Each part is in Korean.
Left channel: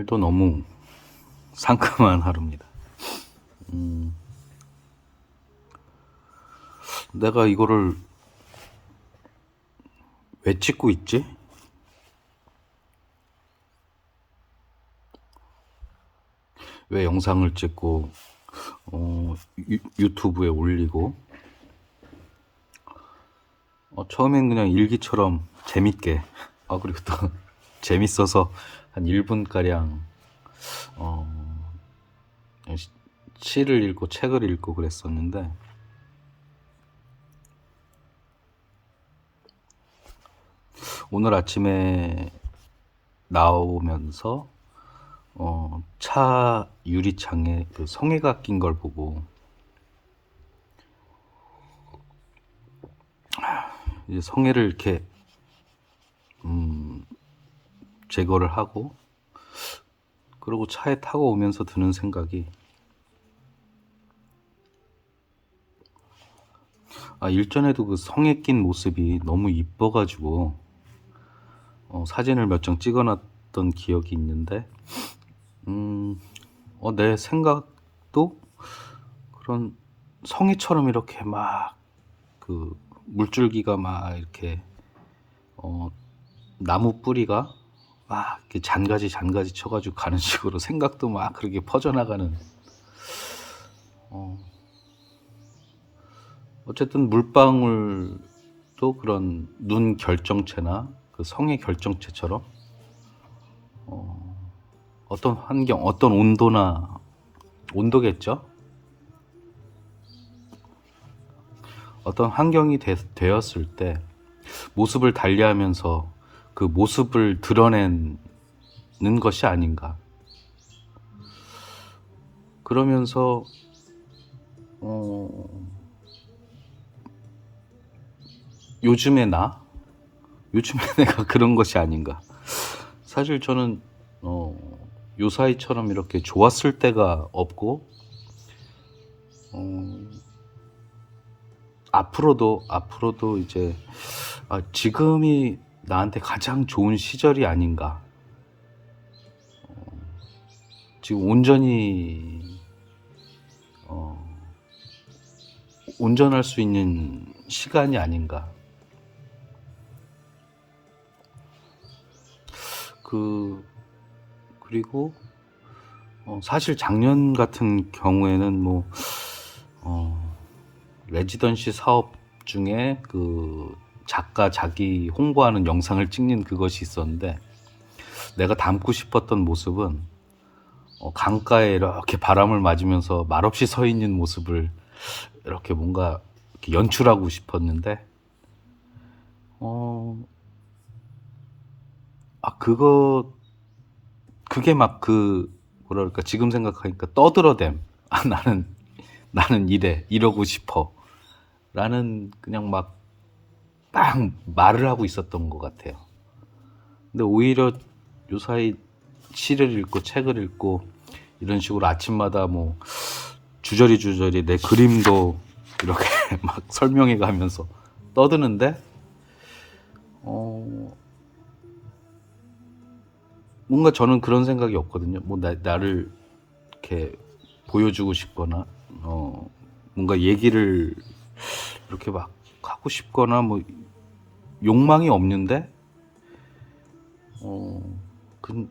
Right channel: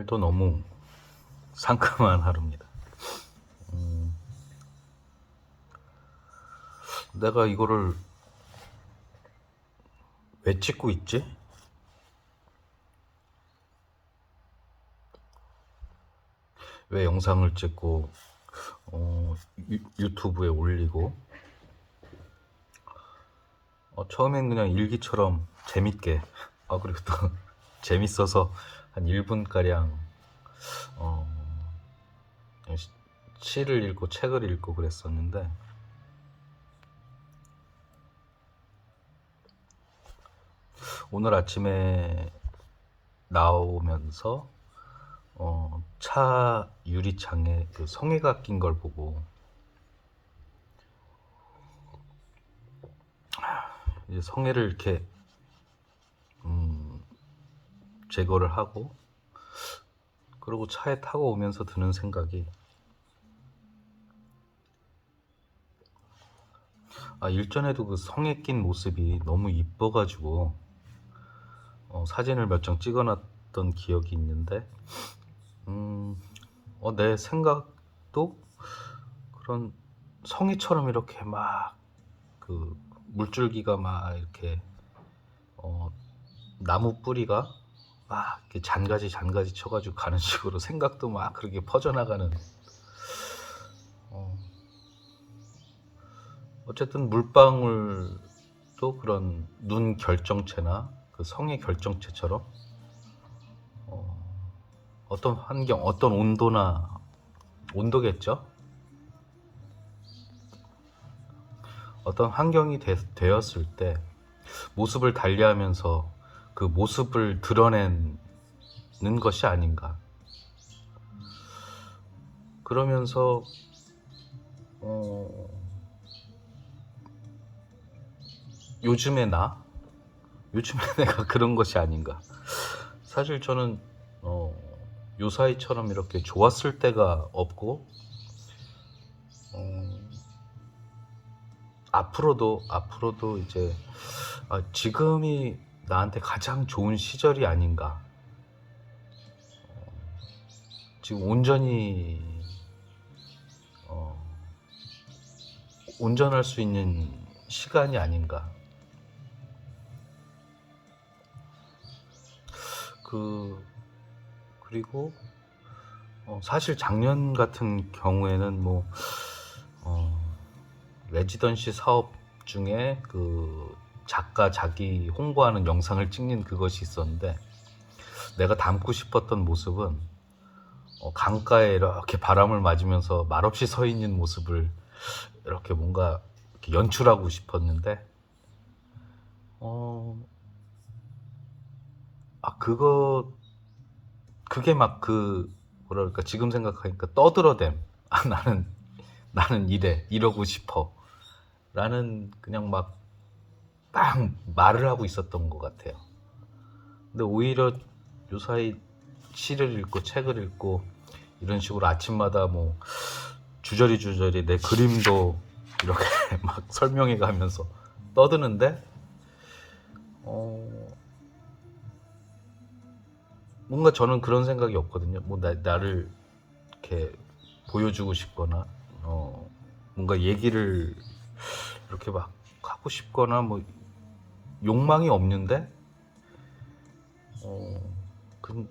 오늘도 너무 상큼한 하루입니다. 내가 이거를 왜 찍고 있지? 왜 영상을 찍고 유튜브에 올리고 처음엔 그냥 일기처럼 재밌게 그리고 또 재밌어서 한 1분가량 시를 읽고 책을 읽고 그랬었는데 오늘 아침에 나오면서 차 유리창에 그 성에가 낀 걸 보고 이제 성에를 이렇게 제거를 하고 그리고 차에 타고 오면서 드는 생각이 일전에도 그 성에 낀 모습이 너무 이뻐가지고 사진을 몇 장 찍어놨던 기억이 있는데 내 생각도 그런 성에처럼 이렇게 막 그 물줄기가 막 이렇게 나무 뿌리가 막 이렇게 잔가지 쳐가지고 가는 식으로 생각도 막 그렇게 퍼져나가는 어쨌든 물방울도 그런 눈 결정체나 그 성의 결정체처럼 어떤 환경, 어떤 온도겠죠? 어떤 환경이 되었을 때 모습을 달리하면서 그 모습을 드러내는 것이 아닌가. 그러면서 요즘에 내가 그런 것이 아닌가. 사실 저는 요사이처럼 이렇게 좋았을 때가 없고 앞으로도 이제 지금이 나한테 가장 좋은 시절이 아닌가. 지금 온전할 수 있는 시간이 아닌가. 그리고 사실 작년 같은 경우에는 레지던시 사업 중에 그 작가 자기 홍보하는 영상을 찍는 그것이 있었는데 내가 담고 싶었던 모습은 강가에 이렇게 바람을 맞으면서 말없이 서 있는 모습을 이렇게 뭔가 이렇게 연출하고 싶었는데 그게 막 뭐랄까 지금 생각하니까 떠들어댐. 나는 이러고 싶어 라는 그냥 막 말을 하고 있었던 것 같아요. 근데 오히려 요사이 시를 읽고 책을 읽고 이런 식으로 아침마다 주저리 내 그림도 이렇게 막 설명해 가면서 떠드는데 뭔가 저는 그런 생각이 없거든요. 나를 이렇게 보여주고 싶거나 뭔가 얘기를 이렇게 막 하고 싶거나 욕망이 없는데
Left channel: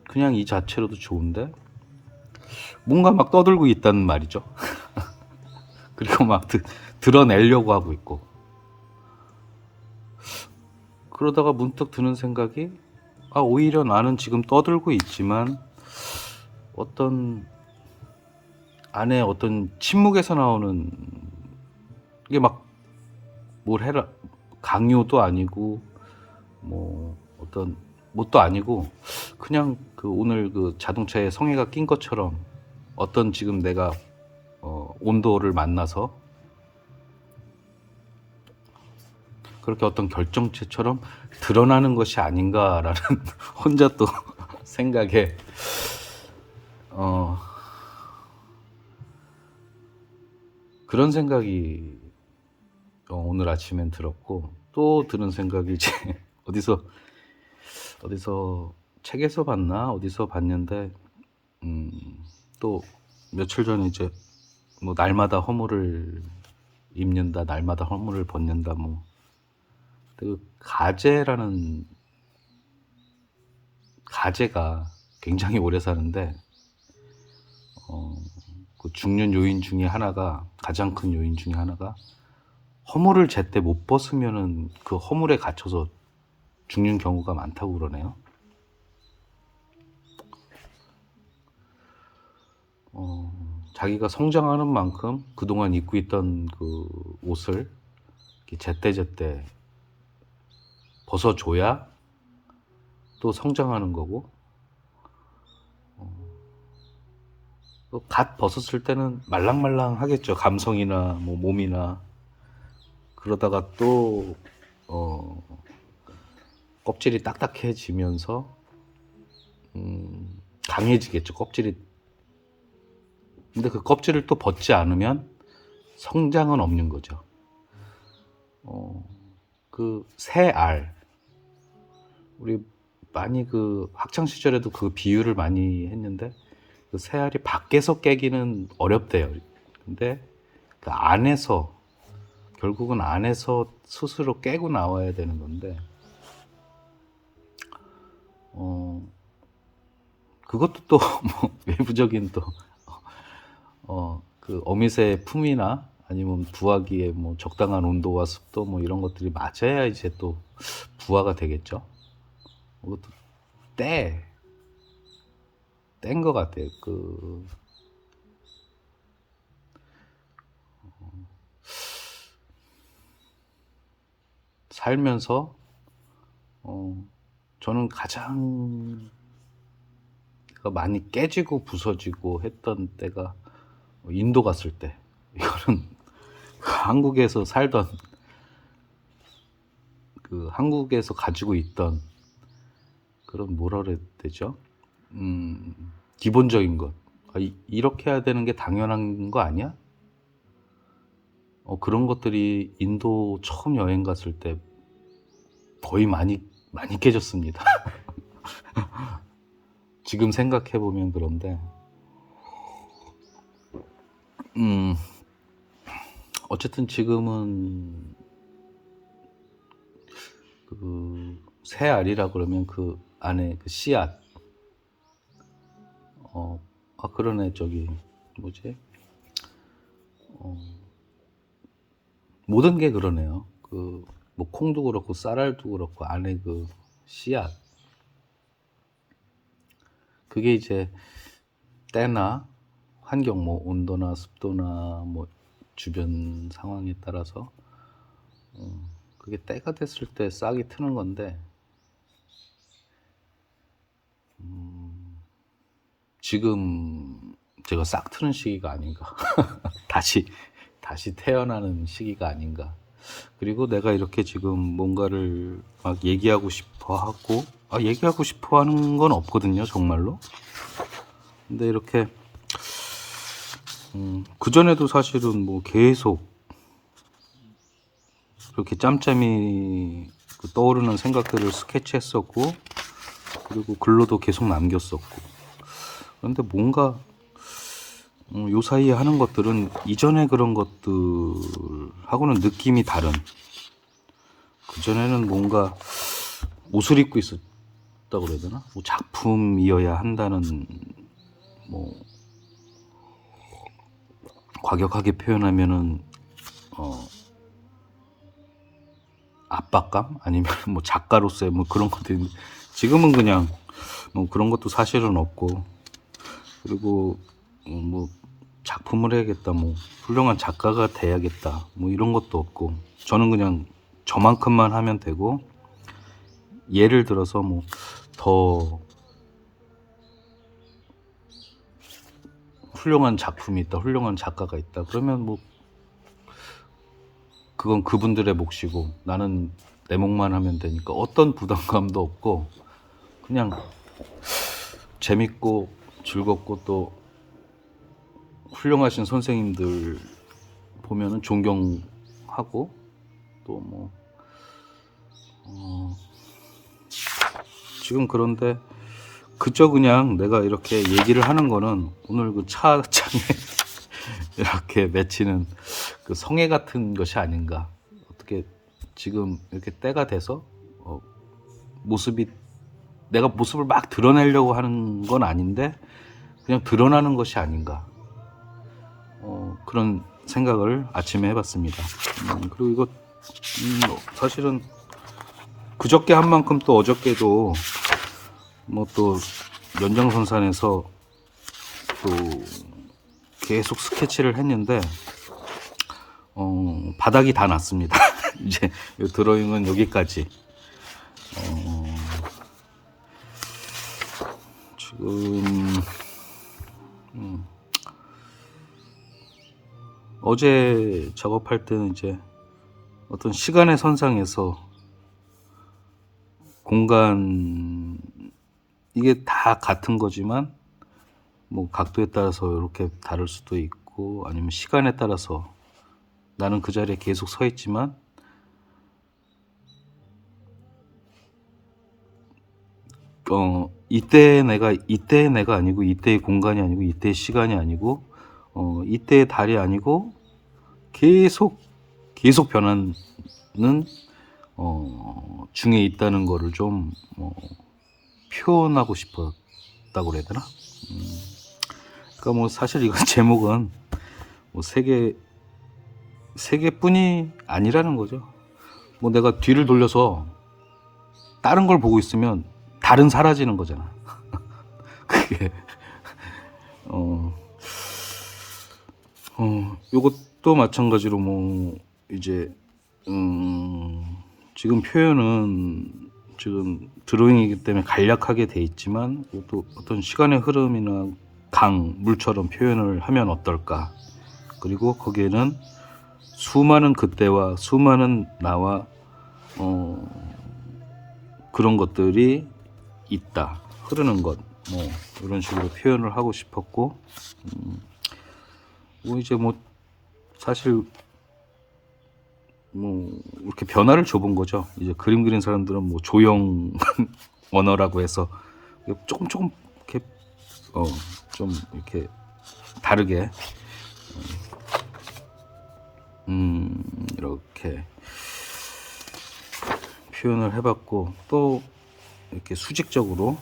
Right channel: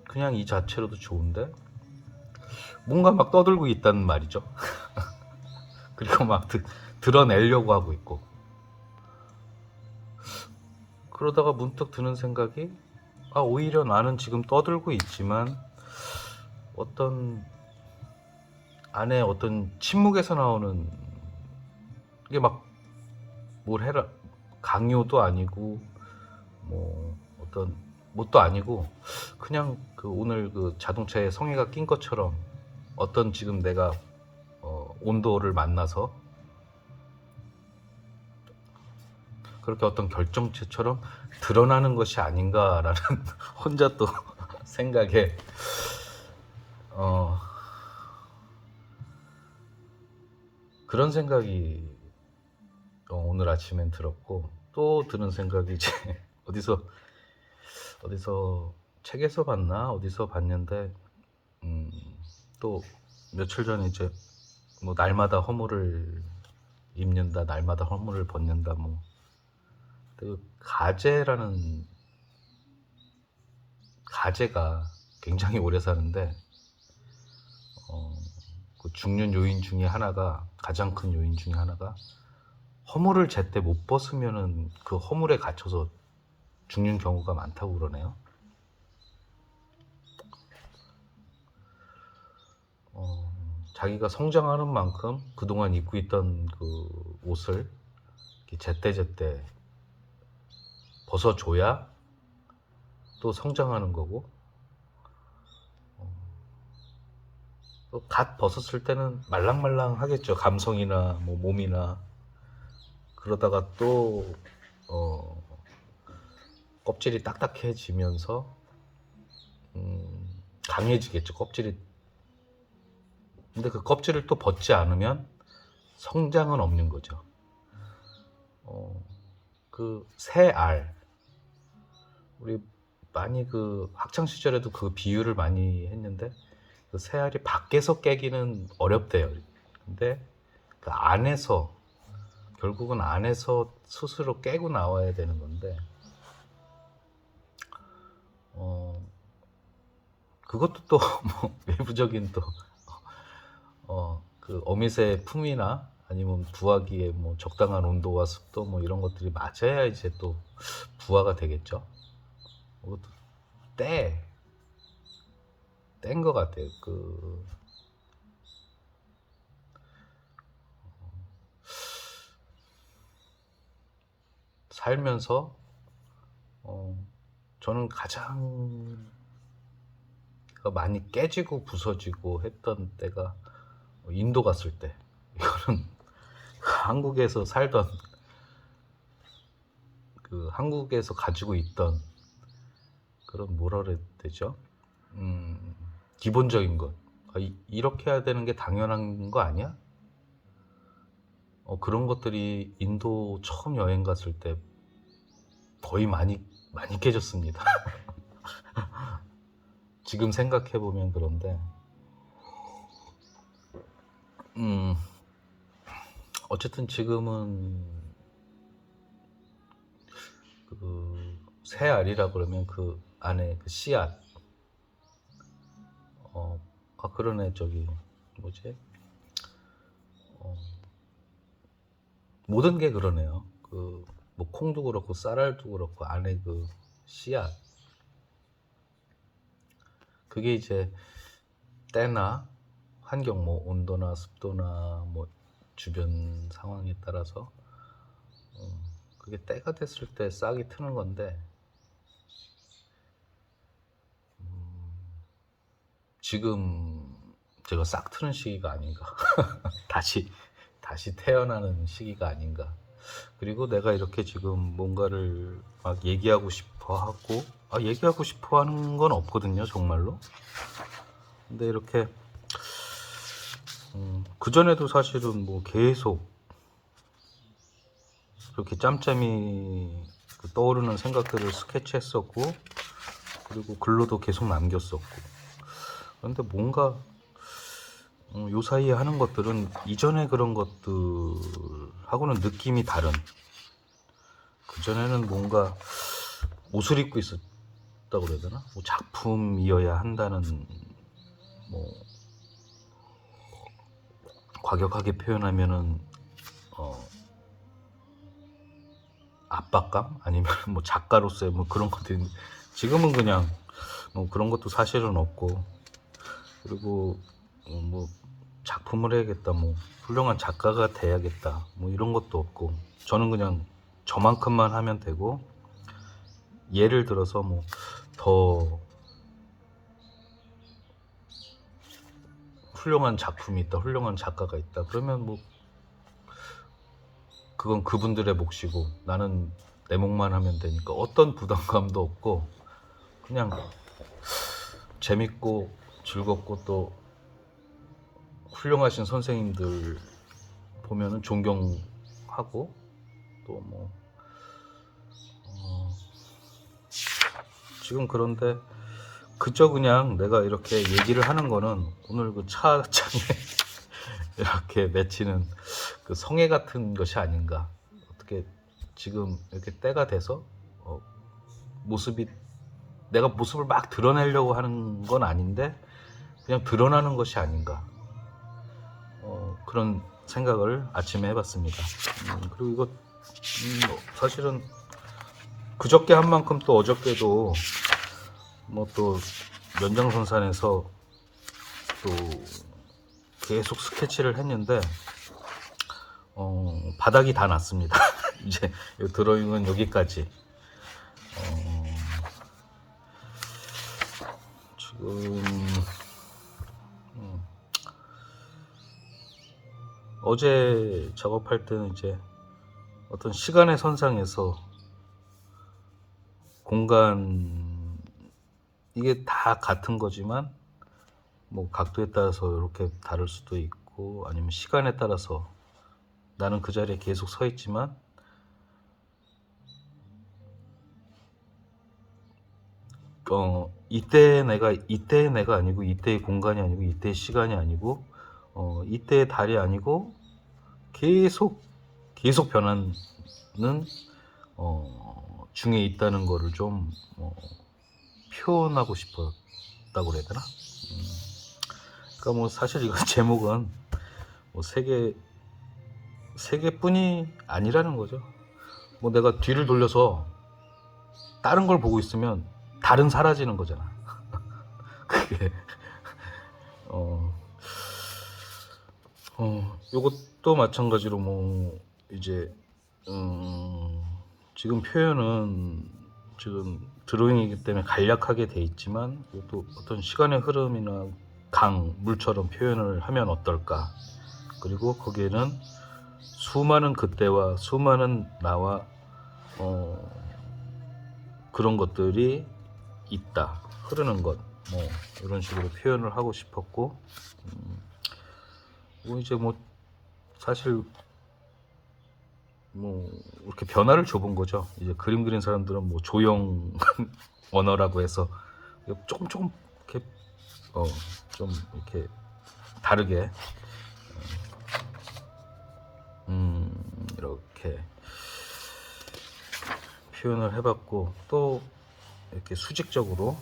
그냥 이 자체로도 좋은데 뭔가 막 떠들고 있다는 말이죠. 그리고 막 드러내려고 하고 있고 그러다가 문득 드는 생각이 오히려 나는 지금 떠들고 있지만 어떤 안에 어떤 침묵에서 나오는 이게 막 뭘 해라 강요도 아니고 어떤 뭣도 아니고 그냥 오늘 그 자동차에 성에가 낀 것처럼 어떤 지금 내가 온도를 만나서 그렇게 어떤 결정체처럼 드러나는 것이 아닌가라는 혼자 또 생각에 그런 생각이 오늘 아침엔 들었고 또 드는 생각이 이제 어디서 책에서 봤나 어디서 봤는데 또 며칠 전에 이제 뭐 날마다 허물을 입는다, 날마다 허물을 벗는다, 뭐 그 가재라는 가재가 굉장히 오래 사는데 그 죽는 요인 중에 하나가, 가장 큰 요인 중에 하나가 허물을 제때 못 벗으면은 그 허물에 갇혀서 죽는 경우가 많다고 그러네요. 자기가 성장하는 만큼 그동안 입고 있던 그 옷을 이렇게 제때제때 벗어줘야 또 성장하는 거고, 갓 벗었을 때는 말랑말랑하겠죠. 감성이나 뭐 몸이나. 그러다가 또 껍질이 딱딱해지면서 강해지겠죠, 껍질이. 근데 그 껍질을 또 벗지 않으면 성장은 없는 거죠. 그 새알, 우리 많이 그 학창 시절에도 그 비유를 많이 했는데, 그 새알이 밖에서 깨기는 어렵대요. 근데 그 안에서, 결국은 안에서 스스로 깨고 나와야 되는 건데, 그것도 또 뭐 외부적인 또 그 어미새의 품이나 아니면 부화기의 뭐 적당한 온도와 습도 뭐 이런 것들이 맞아야 이제 또 부화가 되겠죠. 그것도 땐 것 같아요. 그 살면서 저는 가장 많이 깨지고 부서지고 했던 때가 인도 갔을 때. 이거는 한국에서 살던, 그 한국에서 가지고 있던 그런, 뭐라 그래야 되죠? 기본적인 것. 이렇게 해야 되는 게 당연한 거 아니야? 그런 것들이 인도 처음 여행 갔을 때 거의 많이 깨졌습니다. 지금 생각해 보면. 그런데 어쨌든 지금은 그 새알이라 그러면 그 안에 그 씨앗, 그러네. 저기 뭐지? 모든 게 그러네요. 그 뭐 콩도 그렇고 쌀알도 그렇고 안에 그 씨앗, 그게 이제 때나 환경, 뭐 온도나 습도나 뭐 주변 상황에 따라서 그게 때가 됐을 때 싹이 트는 건데, 지금 제가 싹 트는 시기가 아닌가. 다시 태어나는 시기가 아닌가. 그리고 내가 이렇게 지금 뭔가를 막 얘기하고 싶어 하고, 얘기하고 싶어 하는 건 없거든요, 정말로. 근데 이렇게 그전에도 사실은 뭐 계속 이렇게 짬짬이 그 떠오르는 생각들을 스케치했었고, 그리고 글로도 계속 남겼었고. 그런데 뭔가 요 사이에 하는 것들은 이전에 그런 것들하고는 느낌이 다른. 그전에는 뭔가 옷을 입고 있었다고 그래야 되나? 뭐 작품이어야 한다는, 뭐 과격하게 표현하면은 압박감? 아니면 뭐 작가로서의 뭐 그런 것들인데, 지금은 그냥 뭐 그런 것도 사실은 없고, 그리고 뭐 작품을 해야겠다, 뭐 훌륭한 작가가 돼야겠다, 뭐 이런 것도 없고, 저는 그냥 저만큼만 하면 되고, 예를 들어서 뭐 더 훌륭한 작품이 있다, 훌륭한 작가가 있다, 그러면 뭐 그건 그분들의 몫이고 나는 내 몫만 하면 되니까 어떤 부담감도 없고, 그냥 재밌고 즐겁고, 또 훌륭하신 선생님들 보면은 존경하고, 또 뭐 지금 그런데 그저 그냥 내가 이렇게 얘기를 하는 거는 오늘 그 차장에 이렇게 맺히는 그 성애 같은 것이 아닌가. 어떻게 지금 이렇게 때가 돼서 모습이 내가 모습을 막 드러내려고 하는 건 아닌데 그냥 드러나는 것이 아닌가. 그런 생각을 아침에 해봤습니다. 그리고 이거 사실은 그저께 한 만큼 또 어저께도 뭐 또 연장선상에서 또 계속 스케치를 했는데 바닥이 다 났습니다. 이제 이 드로잉은 여기까지. 지금 어제 작업할 때는 이제 어떤 시간의 선상에서 공간 이게 다 같은 거지만 뭐 각도에 따라서 이렇게 다를 수도 있고 아니면 시간에 따라서 나는 그 자리에 계속 서 있지만 이때의 내가 아니고 이때의 공간이 아니고 이때의 시간이 아니고 이때의 달이 아니고 계속 변하는 중에 있다는 거를 좀 표현하고 싶었다고 그래야 되나? 그러니까 뭐 사실 이건 제목은 뭐 세계뿐이 아니라는 거죠. 뭐 내가 뒤를 돌려서 다른 걸 보고 있으면 달은 사라지는 거잖아. 그게 요것도 마찬가지로 뭐 이제 지금 표현은 지금 드로잉이기 때문에 간략하게 돼 있지만 또 어떤 시간의 흐름이나 물처럼 표현을 하면 어떨까. 그리고 거기에는 수많은 그때와 수많은 나와 그런 것들이 있다. 흐르는 것. 이런 식으로 표현을 하고 싶었고 뭐 이제 뭐 사실 뭐 이렇게 변화를 줘본 거죠. 이제 그림 그린 사람들은 뭐 조형 언어라고 해서 조금 이렇게 좀 이렇게 다르게 이렇게 표현을 해봤고 또 이렇게 수직적으로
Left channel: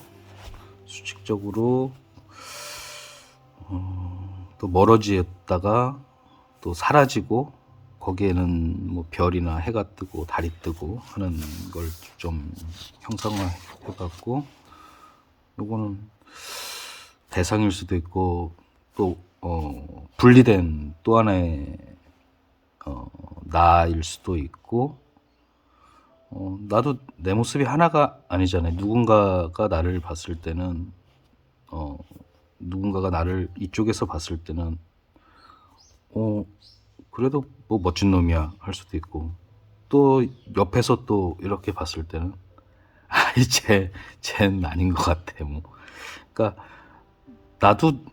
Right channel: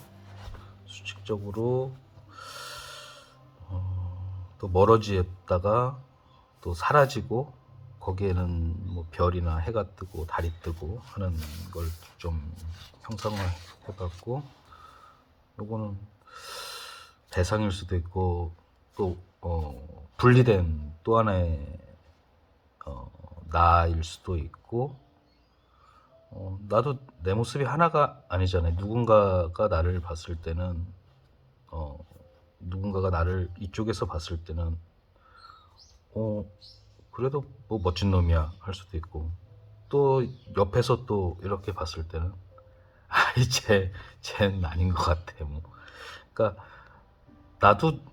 또 멀어지다가 또 사라지고 거기에는 뭐 별이나 해가 뜨고 달이 뜨고 하는 걸 좀 형상화해봤고 요거는 대상일 수도 있고 또 분리된 또 하나의 나일 수도 있고 나도 내 모습이 하나가 아니잖아요. 누군가가 나를 봤을 때는 누군가가 나를 이쪽에서 봤을 때는 그래도 뭐 멋진 놈이야 할 수도 있고 또 옆에서 또 이렇게 봤을 때는 아이 쟤는 아닌 것 같아 뭐. 그러니까 나도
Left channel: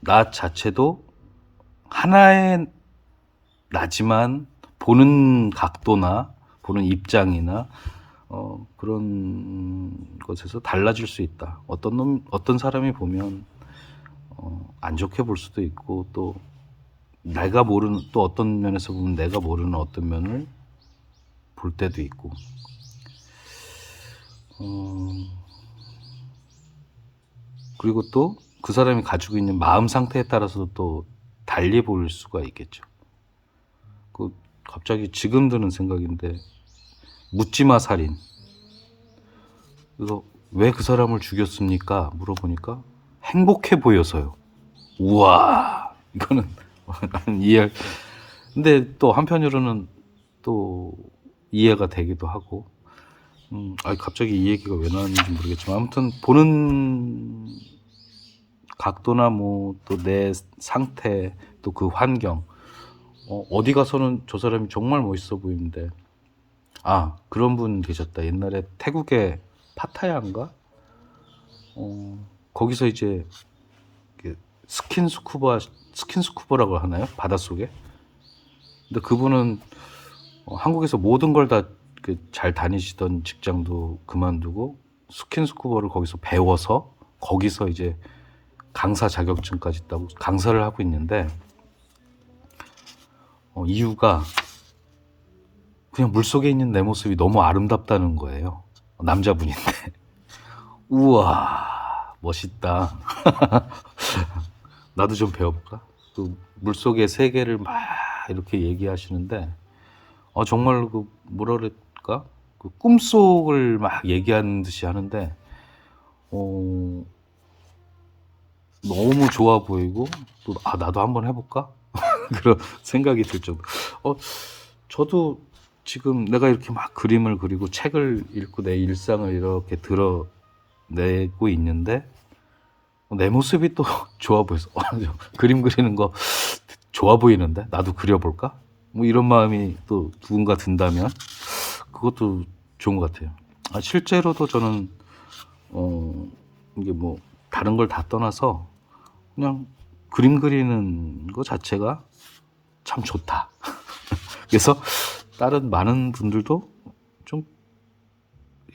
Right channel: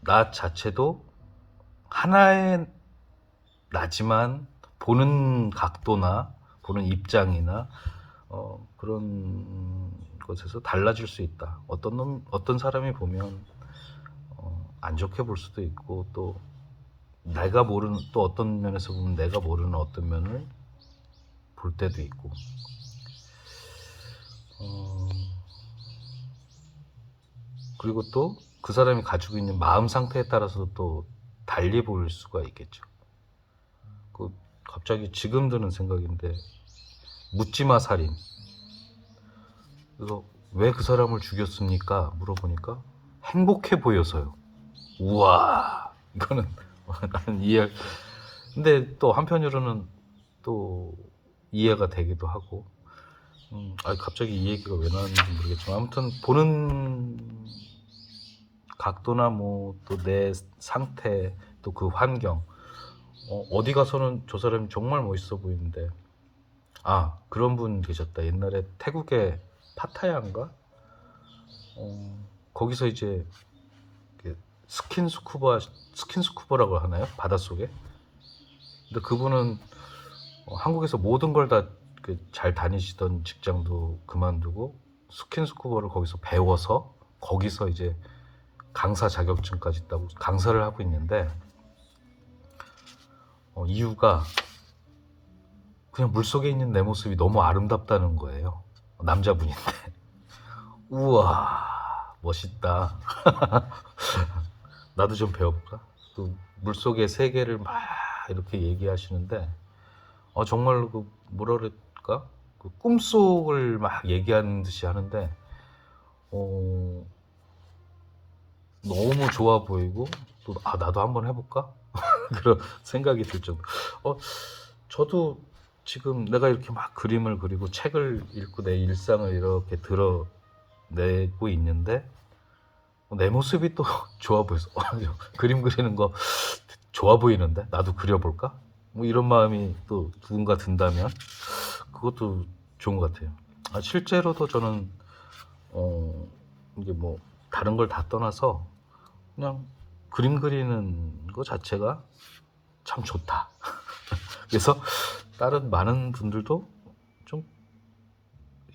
나 자체도 하나의 나지만 보는 각도나 보는 입장이나 그런 것에서 달라질 수 있다. 어떤 사람이 보면 안 좋게 볼 수도 있고 또 내가 모르는 또 어떤 면에서 보면 내가 모르는 어떤 면을 볼 때도 있고 그리고 또 그 사람이 가지고 있는 마음 상태에 따라서 또 달리 보일 수가 있겠죠. 갑자기 지금 드는 생각인데 묻지마 살인. 그래서 왜 그 사람을 죽였습니까? 물어보니까 행복해 보여서요. 우와 이거는 나는 이해. 근데 또 한편으로는 또 이해가 되기도 하고. 갑자기 이 얘기가 왜 나왔는지 모르겠지만 아무튼 보는 각도나 뭐 또 내 상태 또 그 환경 어디 가서는 저 사람이 정말 멋있어 보이는데 그런 분 계셨다. 옛날에 태국의 파타야인가 거기서 이제 스킨스쿠버라고 하나요? 바닷속에. 근데 그분은 한국에서 모든 걸 다 잘 다니시던 직장도 그만두고 스킨스쿠버를 거기서 배워서 거기서 이제 강사 자격증까지 따고 강사를 하고 있는데 이유가 그냥 물속에 있는 내 모습이 너무 아름답다는 거예요. 남자분인데 우와 멋있다. 나도 좀 배워볼까? 그 물속의 세계를 막 이렇게 얘기하시는데 정말 그 뭐라 그럴까? 그 꿈속을 막 얘기하는 듯이 하는데 어, 너무 좋아 보이고 또 나도 한번 해볼까? 그런 생각이 들 정도. 저도 지금 내가 이렇게 막 그림을 그리고 책을 읽고 내 일상을 이렇게 드러내고 있는데 내 모습이 또 좋아 보여서 그림 그리는 거 좋아 보이는데 나도 그려볼까? 뭐 이런 마음이 또 누군가 든다면 그것도 좋은 것 같아요. 실제로도 저는 이게 뭐 다른 걸 다 떠나서 그냥 그림 그리는 거 자체가 참 좋다. 그래서 다른 많은 분들도 좀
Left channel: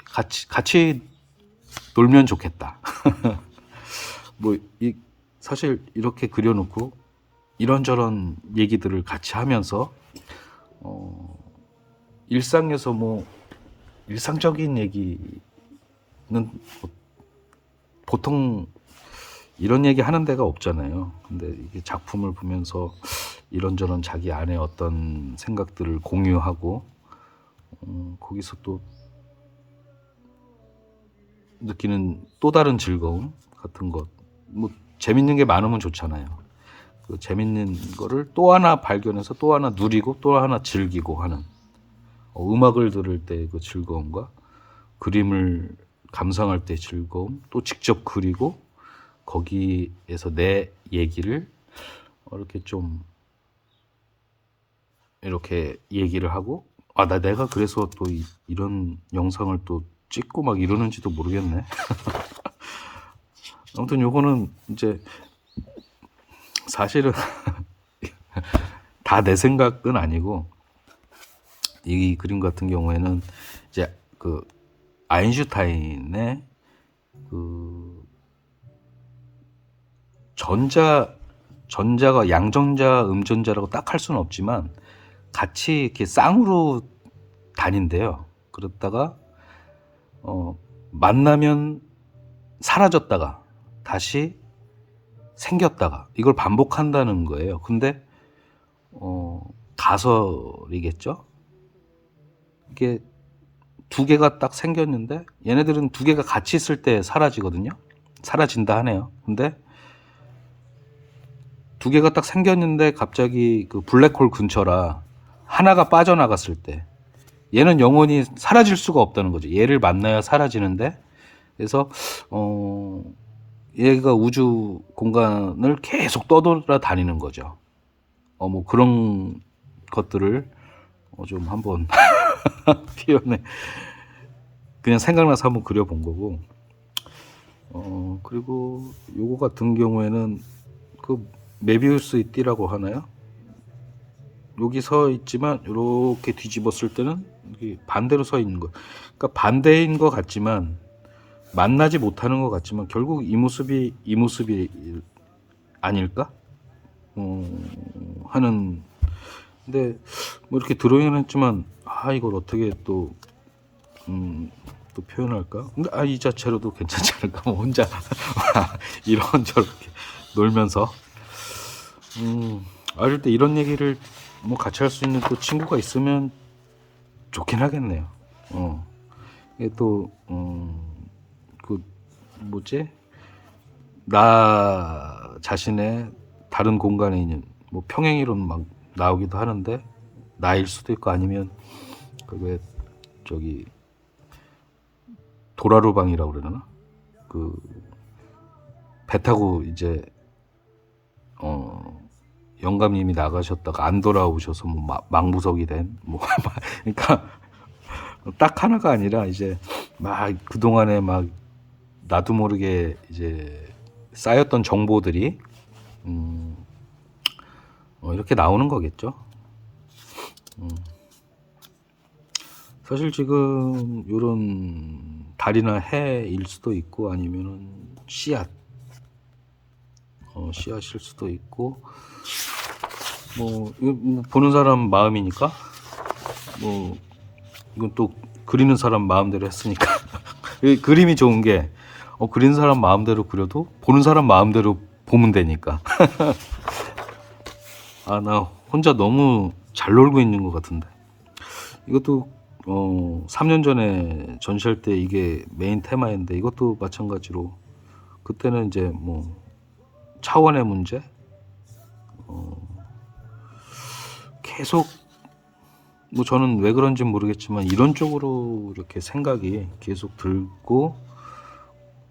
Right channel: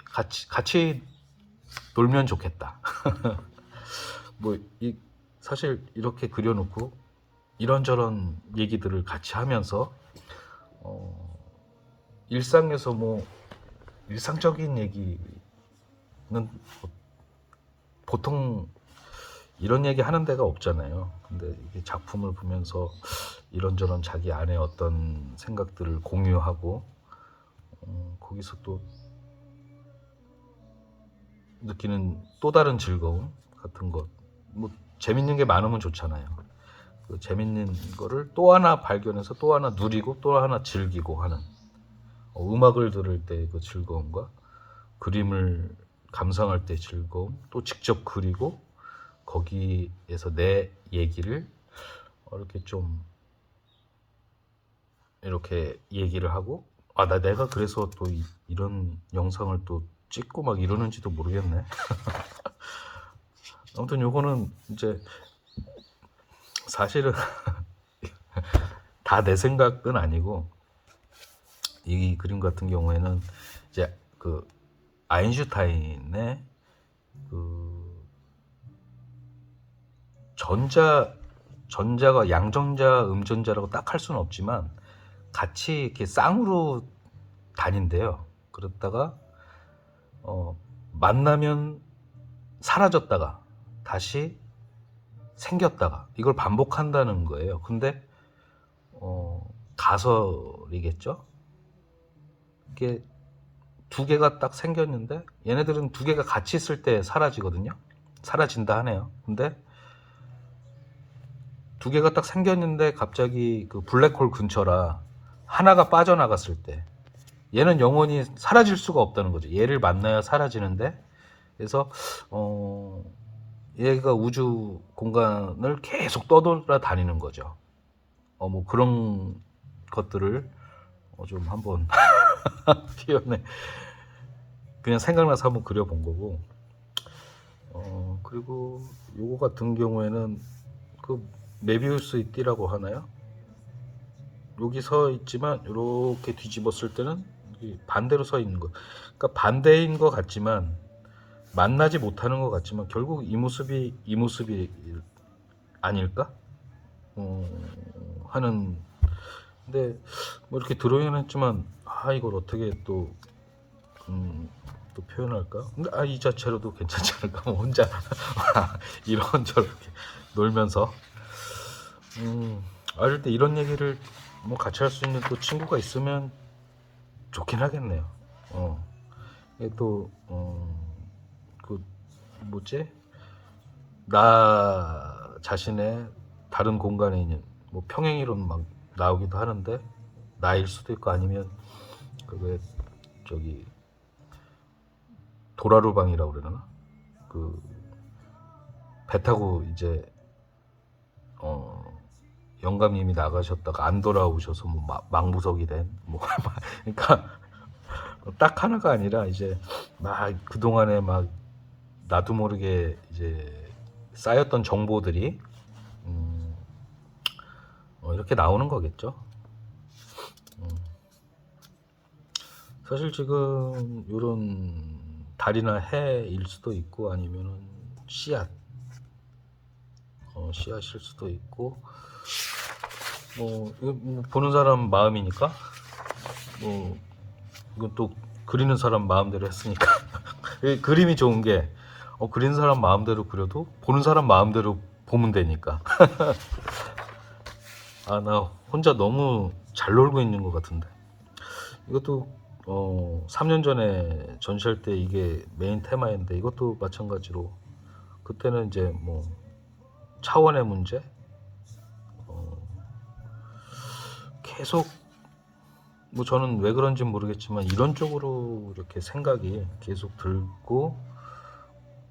같이 놀면 좋겠다. 사실 이렇게 그려놓고 이런저런 얘기들을 같이 하면서 일상에서 뭐 일상적인 얘기는 보통 이런 얘기 하는 데가 없잖아요. 근데 이게 작품을 보면서 이런저런 자기 안에 어떤 생각들을 공유하고 거기서 또 느끼는 또 다른 즐거움 같은 것, 뭐 재밌는 게 많으면 좋잖아요. 그 재밌는 거를 또 하나 발견해서 또 하나 누리고 또 하나 즐기고 하는 음악을 들을 때 그 즐거움과 그림을 감상할 때 즐거움, 또 직접 그리고 거기에서 내 얘기를 이렇게 좀 이렇게 얘기를 하고 내가 그래서 또 이런 영상을 또 찍고 막 이러는지도 모르겠네. 아무튼 요거는 이제 사실은 다 내 생각은 아니고 이 그림 같은 경우에는 이제 그 아인슈타인의 그 전자가 양전자 음전자라고 딱 할 수는 없지만 같이 이렇게 쌍으로 다닌대요. 그랬다가 만나면 사라졌다가 다시 생겼다가 이걸 반복한다는 거예요. 근데 가설이겠죠. 이게 두 개가 딱 생겼는데 얘네들은 두 개가 같이 있을 때 사라지거든요. 사라진다 하네요. 근데 두 개가 딱 생겼는데 갑자기 그 블랙홀 근처라 하나가 빠져나갔을 때 얘는 영원히 사라질 수가 없다는 거죠. 얘를 만나야 사라지는데 그래서 얘가 우주 공간을 계속 떠돌아다니는 거죠. 뭐 그런 것들을 좀 한번 표현해 그냥 생각나서 한번 그려본 거고 그리고 요거 같은 경우에는 그 메비우스의 띠라고 하나요? 여기 서 있지만 이렇게 뒤집었을 때는 이게 반대로 서 있는 거. 그러니까 반대인 것 같지만 만나지 못하는 것 같지만 결국 이 모습이 아닐까? 하는. 근데 뭐 이렇게 드로잉을 했지만 이걸 어떻게 또 표현할까? 근데 이 자체로도 괜찮지 않을까? 뭐 혼자 이런저렇게 놀면서 어릴 때 이런 얘기를 뭐 같이 할 수 있는 또 친구가 있으면 좋긴 하겠네요. 이게 또 그 뭐지? 나 자신의 다른 공간에 있는 뭐 평행이론 막 나오기도 하는데 나일 수도 있고 아니면 그게 저기 도라루방이라고 그러나? 그 배 타고 이제 영감님이 나가셨다가 안 돌아오셔서 뭐 망부석이 된 뭐 그러니까 딱 하나가 아니라 이제 막 그동안에 막 나도 모르게 이제 쌓였던 정보들이 이렇게 나오는 거겠죠. 사실 지금 이런 달이나 해일 수도 있고 아니면 씨앗, 씨앗일 수도 있고 이거 뭐 보는 사람 마음이니까 뭐 이건 또 그리는 사람 마음대로 했으니까 이 그림이 좋은 게 그리는 사람 마음대로 그려도 보는 사람 마음대로 보면 되니까. 아, 나 혼자 너무 잘 놀고 있는 것 같은데. 이것도 3년 전에 전시할 때 이게 메인 테마였는데 이것도 마찬가지로 그때는 이제 뭐 차원의 문제 계속 뭐 저는 왜 그런지 모르겠지만 이런 쪽으로 이렇게 생각이 계속 들고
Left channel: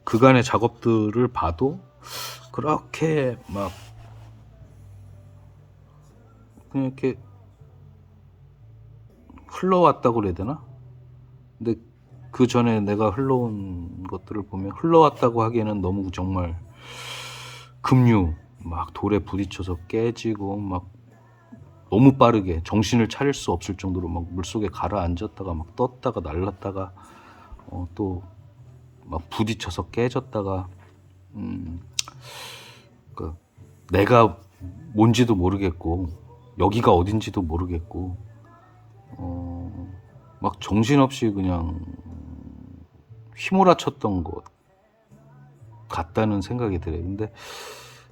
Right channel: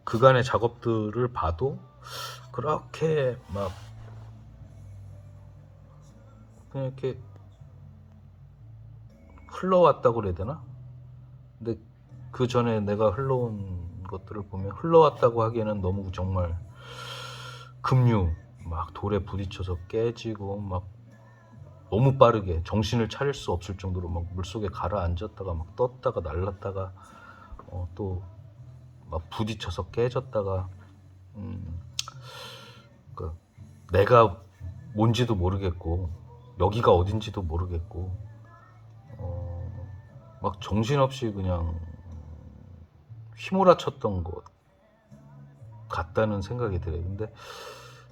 그간의 작업들을 봐도 그렇게 막 그냥 이렇게 흘러왔다고 그래야 되나? 근데 그 전에 내가 흘러온 것들을 보면 흘러왔다고 하기에는 너무 정말 급류 막 돌에 부딪혀서 깨지고 막 너무 빠르게 정신을 차릴 수 없을 정도로 막 물속에 가라앉았다가 막 떴다가 날랐다가 또 막 부딪혀서 깨졌다가 그러니까 내가 뭔지도 모르겠고 여기가 어딘지도 모르겠고 막 정신없이 그냥 휘몰아쳤던 것 같다는 생각이 들어요. 근데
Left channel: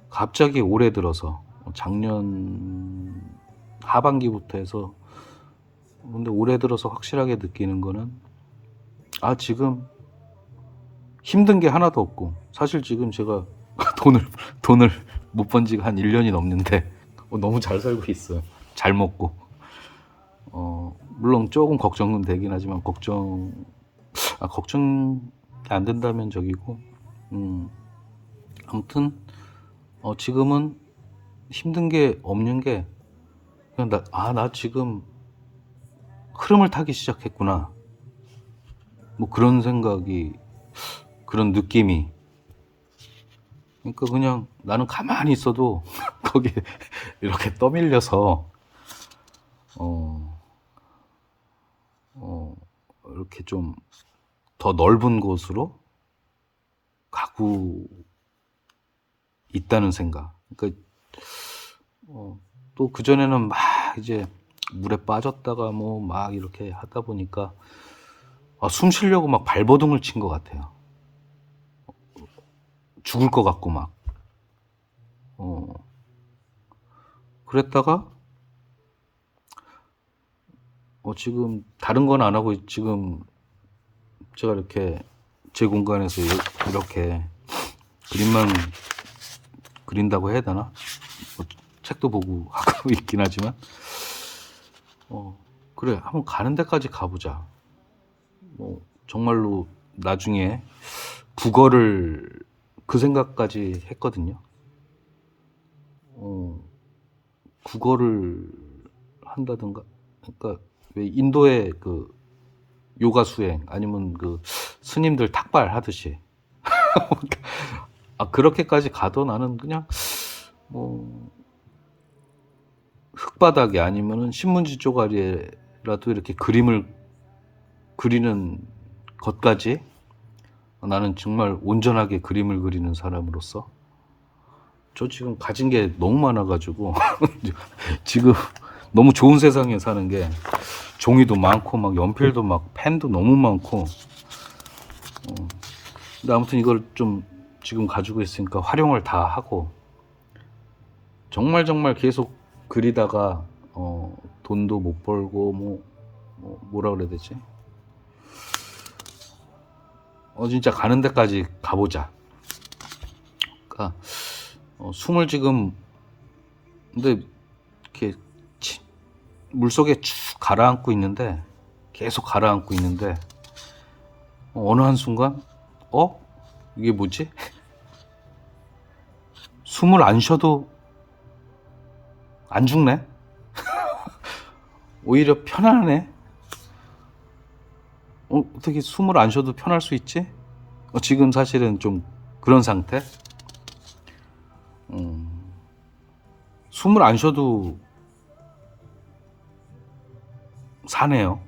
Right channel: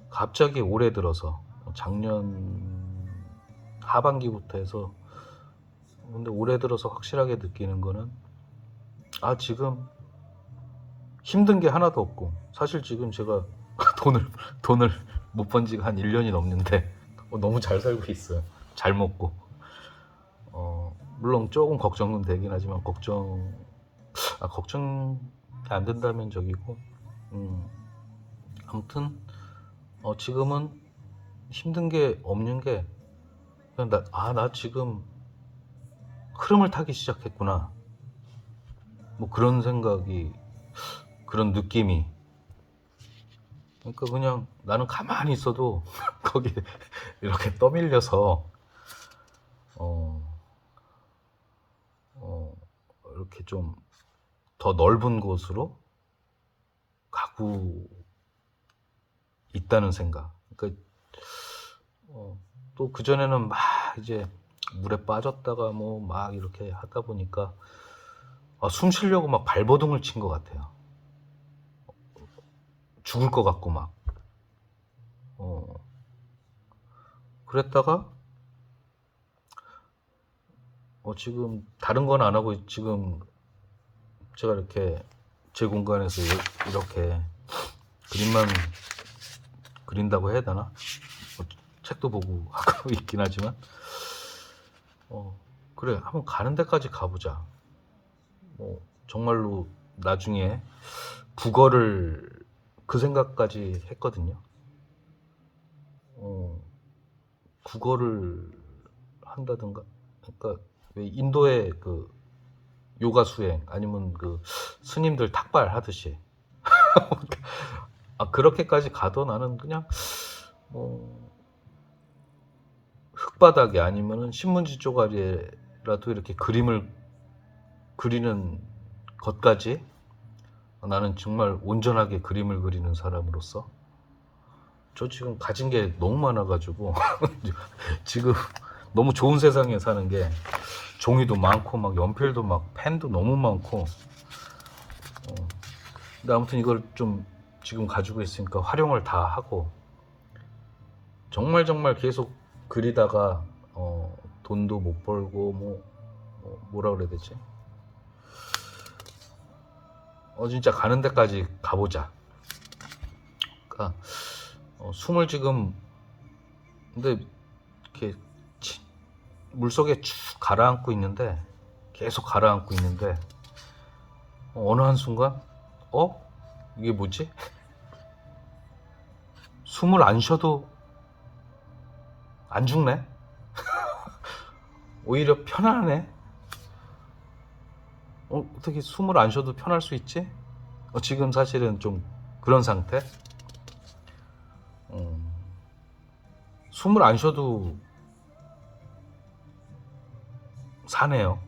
갑자기 올해 들어서 작년 하반기부터 해서 근데 올해 들어서 확실하게 느끼는 거는 지금 힘든 게 하나도 없고 사실 지금 제가 돈을 못 번 지가 한 1년이 넘는데 너무 잘 살고 있어요. 잘 먹고 물론 조금 걱정은 되긴 하지만 걱정이 안 된다면 저기고 아무튼 지금은 힘든 게 없는 게 그냥 나 지금 흐름을 타기 시작했구나 뭐 그런 생각이 그런 느낌이 그러니까 그냥 나는 가만히 있어도 거기에 이렇게 떠밀려서 이렇게 좀 더 넓은 곳으로 가고 있다는 생각. 그러니까 또 그전에는 막 이제 물에 빠졌다가 뭐 막 이렇게 하다 보니까 숨 쉬려고 막 발버둥을 친 것 같아요. 죽을 것 같고 막 그랬다가 지금 다른 건 안 하고 지금 제가 이렇게 제 공간에서 이렇게 그림만 그린다고 해야 되나? 뭐 책도 보고 하고 있긴 하지만 그래 한번 가는 데까지 가보자. 뭐 정말로 나중에 국어를 그 생각까지 했거든요. 국어를 한다든가 그러니까 왜 인도의 그 요가 수행 아니면 그 스님들 탁발 하듯이 그렇게까지 가도 나는 그냥 뭐 흙바닥에 아니면은 신문지 쪼가리에라도 이렇게 그림을 그리는 것까지 나는 정말 온전하게 그림을 그리는 사람으로서 저 지금 가진 게 너무 많아가지고 지금 너무 좋은 세상에 사는 게 종이도 많고 막 연필도 막 펜도 너무 많고 근데 아무튼 이걸 좀 지금 가지고 있으니까 활용을 다 하고 정말 계속 그리다가 돈도 못 벌고 뭐라 그래야 되지? 진짜 가는 데까지 가보자. 그러니까 숨을 지금 근데 이렇게 물속에 쭉 가라앉고 있는데 계속 가라앉고 있는데 어느 한순간 이게 뭐지? 숨을 안 쉬어도 안 죽네? 오히려 편하네? 어떻게 숨을 안 쉬어도 편할 수 있지? 지금 사실은 좀 그런 상태? 숨을 안 쉬어도 사네요.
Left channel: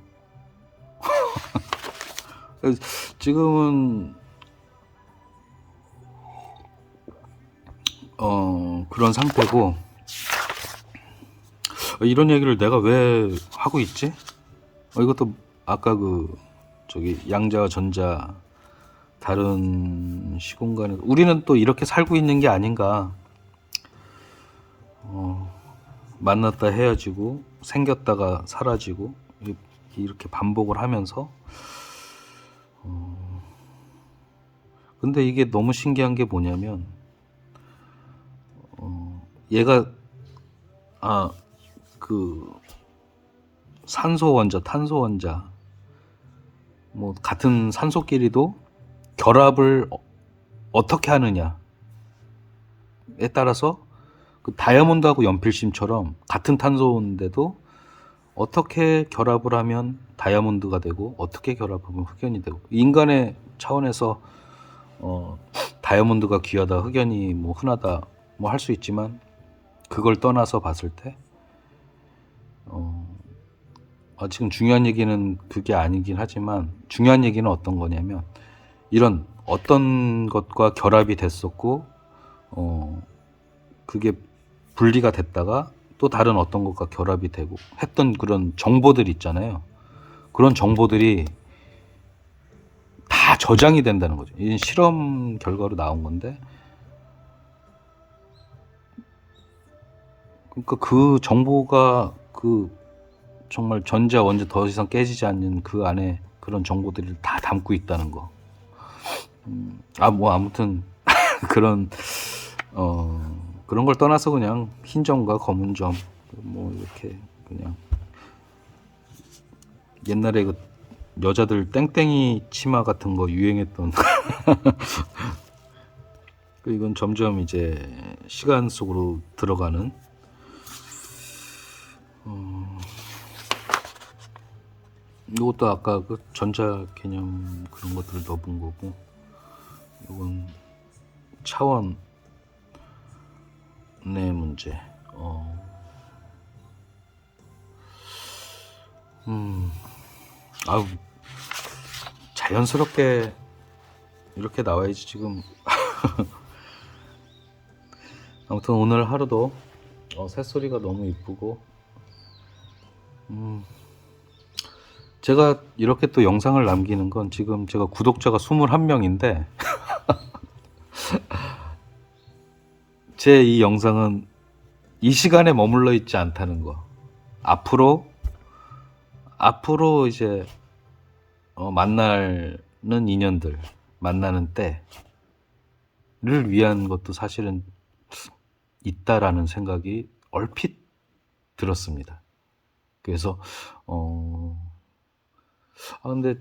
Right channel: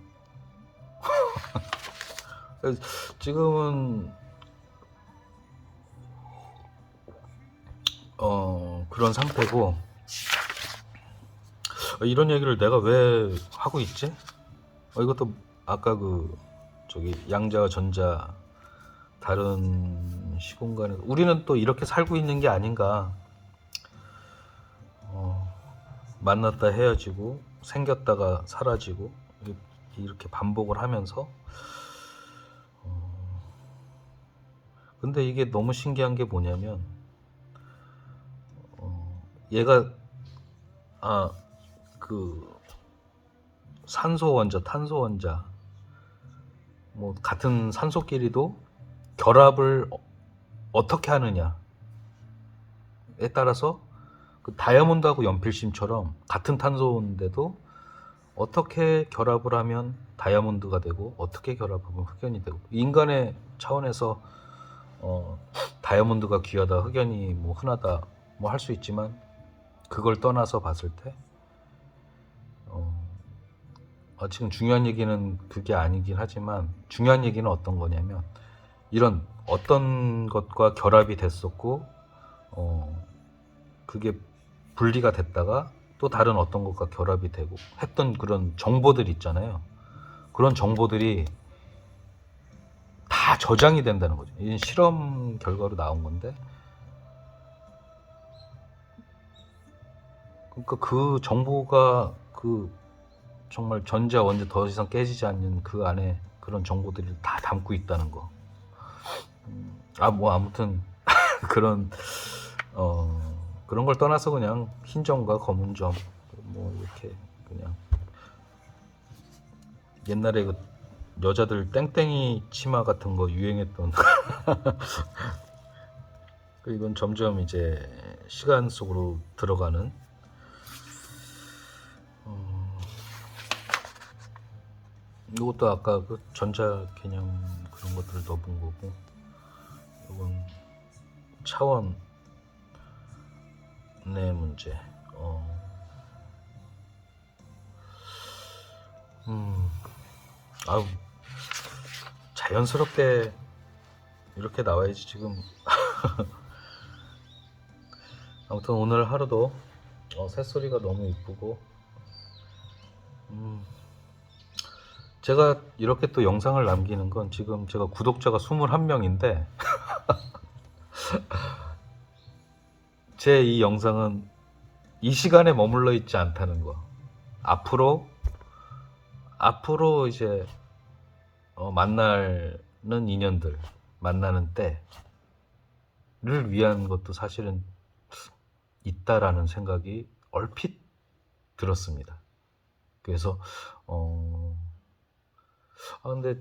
그래서 지금은 그런 상태고, 이런 얘기를 내가 왜 하고 있지? 이것도 아까 저기 양자와 전자 다른 시공간에 우리는 또 이렇게 살고 있는 게 아닌가. 만났다 헤어지고 생겼다가 사라지고 이렇게 반복을 하면서, 근데 이게 너무 신기한 게 뭐냐면, 얘가 그 산소 원자, 탄소 원자, 뭐 같은 산소끼리도 결합을 어떻게 하느냐에 따라서, 그 다이아몬드하고 연필심처럼 같은 탄소인데도 어떻게 결합을 하면 다이아몬드가 되고 어떻게 결합하면 흑연이 되고, 인간의 차원에서 다이아몬드가 귀하다, 흑연이 뭐 흔하다 뭐 할 수 있지만, 그걸 떠나서 봤을 때 지금 중요한 얘기는 그게 아니긴 하지만, 중요한 얘기는 어떤 거냐면, 이런 어떤 것과 결합이 됐었고 그게 분리가 됐다가 또 다른 어떤 것과 결합이 되고 했던 그런 정보들 있잖아요. 그런 정보들이 다 저장이 된다는 거죠. 이 실험 결과로 나온 건데, 그러니까 그 정보가 정말 전자 원자 더 이상 깨지지 않는 그 안에 그런 정보들을 다 담고 있다는 거. 뭐 아무튼 그런 그런 걸 떠나서 그냥 흰 점과 검은 점, 뭐 이렇게 그냥 옛날에 그 여자들 땡땡이 치마 같은 거 유행했던 이건 점점 이제 시간 속으로 들어가는, 이것도 아까 그 전자 개념 그런 것들을 넣어본 거고, 이건 차원의 문제. 자연스럽게 이렇게 나와야지 지금. 아무튼 오늘 하루도 새소리가 너무 이쁘고, 제가 이렇게 또 영상을 남기는 건, 지금 제가 구독자가 21명인데 제 이 영상은 이 시간에 머물러 있지 않다는 거. 앞으로 이제 만나는 인연들, 만나는 때를 위한 것도 사실은 있다라는 생각이 얼핏 들었습니다. 그래서 근데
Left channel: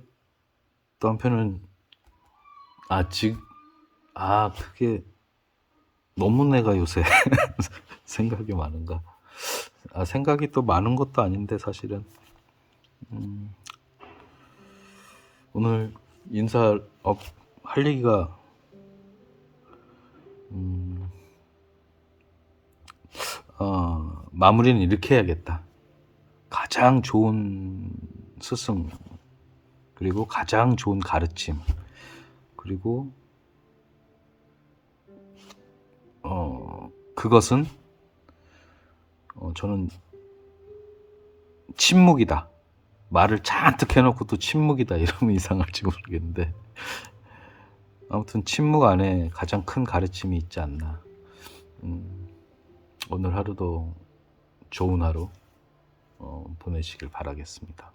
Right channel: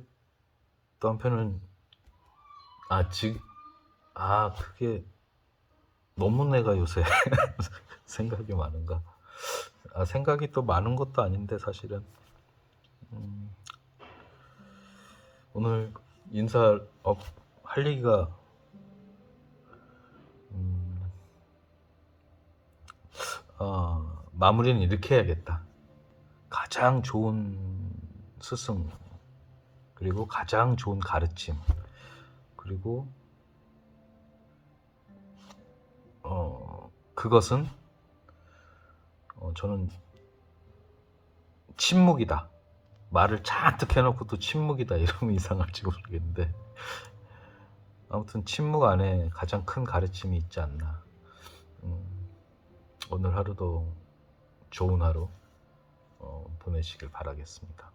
또 한편은 그게 너무 내가 요새 생각이 많은가. 생각이 또 많은 것도 아닌데 사실은. 오늘 할 얘기가 마무리는 이렇게 해야겠다. 가장 좋은 스승, 그리고 가장 좋은 가르침, 그리고 그것은 저는 침묵이다. 말을 잔뜩 해놓고 또 침묵이다 이러면 이상할지 모르겠는데, 아무튼 침묵 안에 가장 큰 가르침이 있지 않나. 오늘 하루도 좋은 하루 보내시길 바라겠습니다.